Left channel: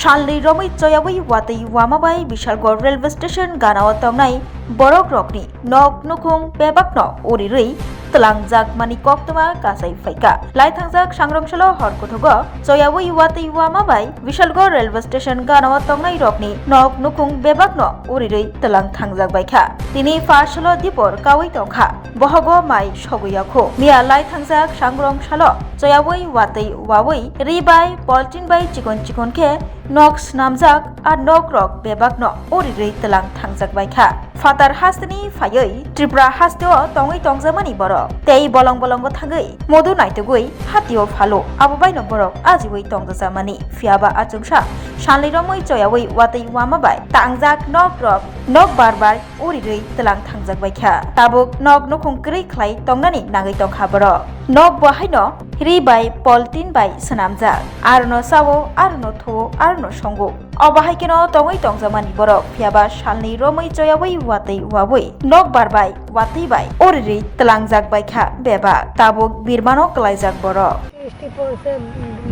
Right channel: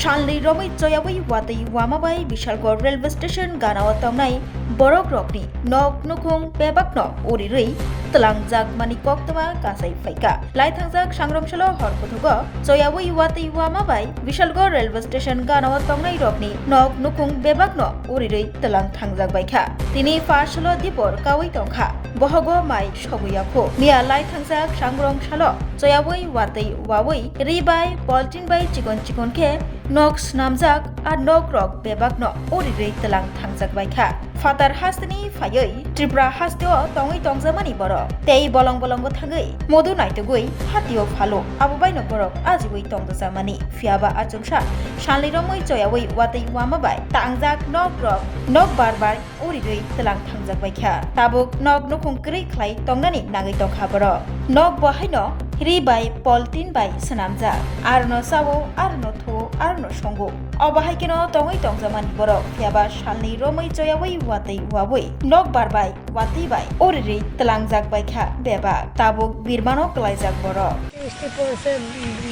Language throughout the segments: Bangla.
Shanli Romi Choyawi Wati Wamabai Bishalgor Railway Station Ganawa Tongnai Borok Rokni Nok Nukung Bebakno Urirui Telang Jak Mani Koktama Kasai Faika Lai Thangjak Sangromshalo Horkothogo Choyawi Wati Wamabai Bishalgor Railway Station Ganawa Tongnai Rokni Nok Nukung Bebakno Urirui Telang Thangjak Baikha Tini Farshalo Dipor Kawi Tongkha Bohogo Mai Shoguyakho Mia Lai Thangjak Sangromshalo Choyawi Wati Wawi Ribai Poltin Bai Chikon Ke Nok Snamjak আর Nok Rok Bebakno Urirui Telang Thangjak Baikha Fatar Hastini Fayoi Tripura Hasteo Tongai Tongzamani Borok Tei Bolong Bolongo Thangai Modu Naitugui Hatio Phalo Abubaino Borok Ajiwei Tongzamani Fiaba Achungsha Shanli Romoi Choyawi Wati Wamabai Tangjak Nok Rok Nok Barbar Urirui Telang Thangjak Baikha Tabuk Nok Nukung Kri Khlai Tongnani Nagai Tongkha Borok Nok Bahaino Ribai Poltin Bai Sanamjak Arno Sawo Arno Tho Arno Songo Obahaikeno Tongai Tongzamani Borok Fiaba Shanli Romoi Choyawi Wati Wawui Nok Barbai Wati Bai Urirui Telangjak Baikha Beba Tabuk Birmano Klaijak Borok বৃষ্টি পড়ছে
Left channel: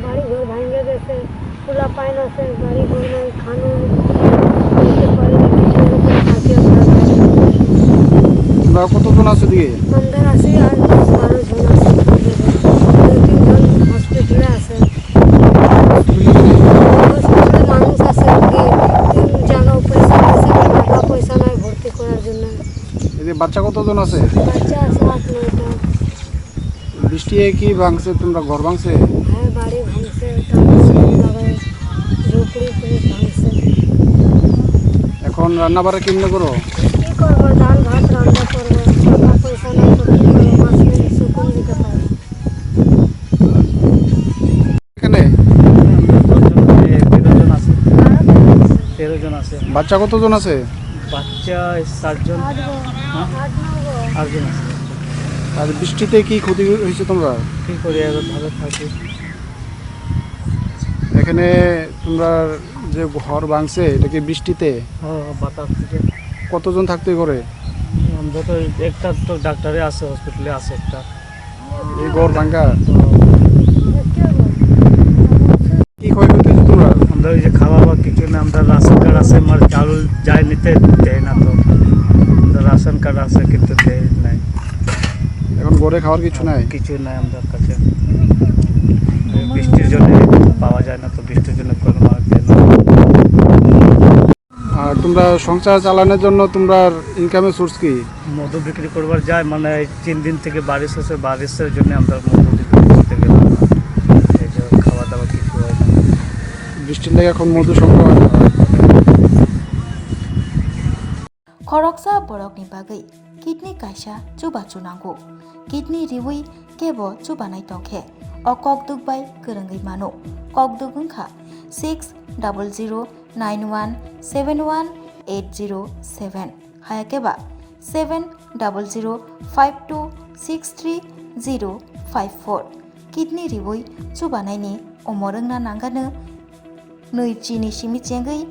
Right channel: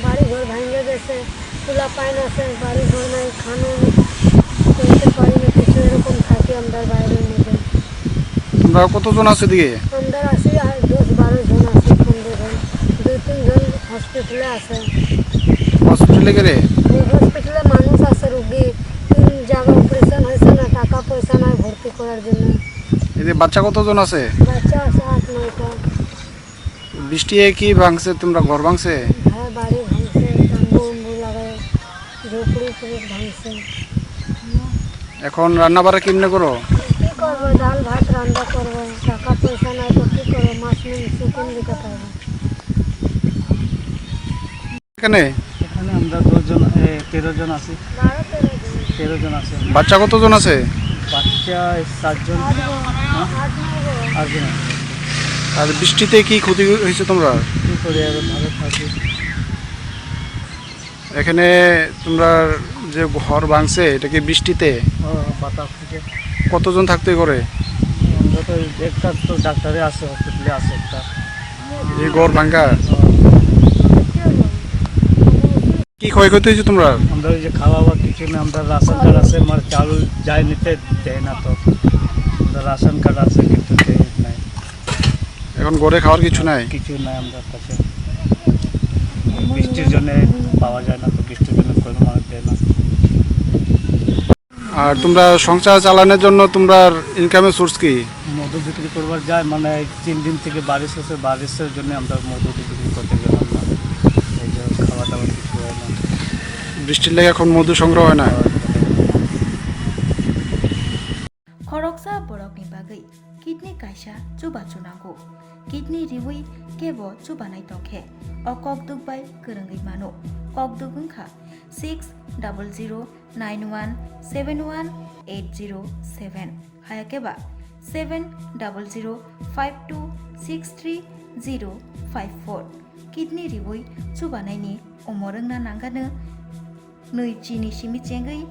বাড়ি ঘর ভেঙে গেছে খোলা পাইন আছে বাড়ি ঘর নাই খানো করতে পারি না কিছু এরকম থাকি আমরা তোমরা কতজন আছে দিকে আমরা আছি আর 10-12 জন আছে 2-3 জন হসপিটালে আছে হসপিটালে গেলে হসপিটালে মানুষ আছে কি তিন জায়গা পয়সা আছে টাকা পয়সা নাই ভর্তি করার জন্য এতে বাচ্চা কতজন আছে বাচ্চা আছে 8-9 টা বৃষ্টি কি ভাঙছে তোমরা ঘর ভাঙছে হ্যাঁ বাড়ি ভাঙছে তারপর লাগায় ঝোপড়ি পুরো ভাঙছে এখন রান্না বাড়া কেমনে করো কি করবো ডাল ভাত রান্না করবো টাকা পয়সা নাই তো কি করবো মাছ নিয়ে শুকুন কোথায় এখানে আমরা 13 জন আছি 13 জন আছে বাচ্চা কতজন আছে বাচ্চা 7 জন আর জন আর বৃষ্টিতে কি ক্ষতি হয়েছে তোমরা কি করে আর ভালো থাকি এখানে তোমরা যে ঘর ভাঙছে এটা কি বৃষ্টিতে ও বাতাস থেকে কতজন থাকতে করে আমরা তো একটা তো ডাক্তারে আছে হসপিটালে আছে একটা এই ঘর ভাঙা কি ক্ষয়ক্ষতি হয়েছে তোমরা আমরা ওই যে খাওয়া বা কিছু না আমরা রাশন কার্ড আছে আমার চাউল যায় নিতে দেয় না তো আমরা রাশন কার্ড আছে কিন্তু দেয় নাই এখন ঘরে খাওয়ার কিছু নাই কিছু নাই আমাদের কাছে বৃষ্টির জন্য পাওয়া যায় না তো বৃষ্টির জন্য কোনো মাছ দেয় না আর তোমরা সংসার চালানোর জন্য তোমরা ইনকামের সোর্স কি মধু বিক্রি করবার যায় মানে 3 দিন থেকে বারিশ আছে বারিশের জন্য আমরা মধু বিক্রি করতে গেলাম না এই যে খাওয়া দাওয়া কিছু হয় না বৃষ্টির লেগে এখন মধু সংগ্রহ হয় না Khoroksa borokni bagai kidney kaisa chuba chunango kidney riwi kebo chubanai tongkhe o kokduk bai kerengai mano kokduk ungkha 6000917180 hayakeba 7005263054 kidney riwi chubanai ni omorungna nangano nei chini simi chengai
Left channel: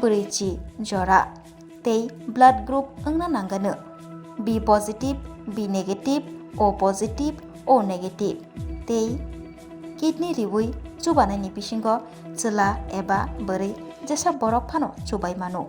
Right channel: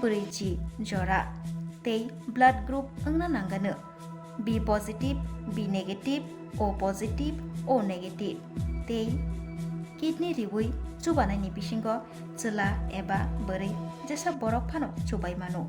breichi jora tei blood group ongna nangano B positive, B negative, O positive, O negative tei kidney riwi chubanai ni bisingo chela eba borei jesa borok phano chubai mano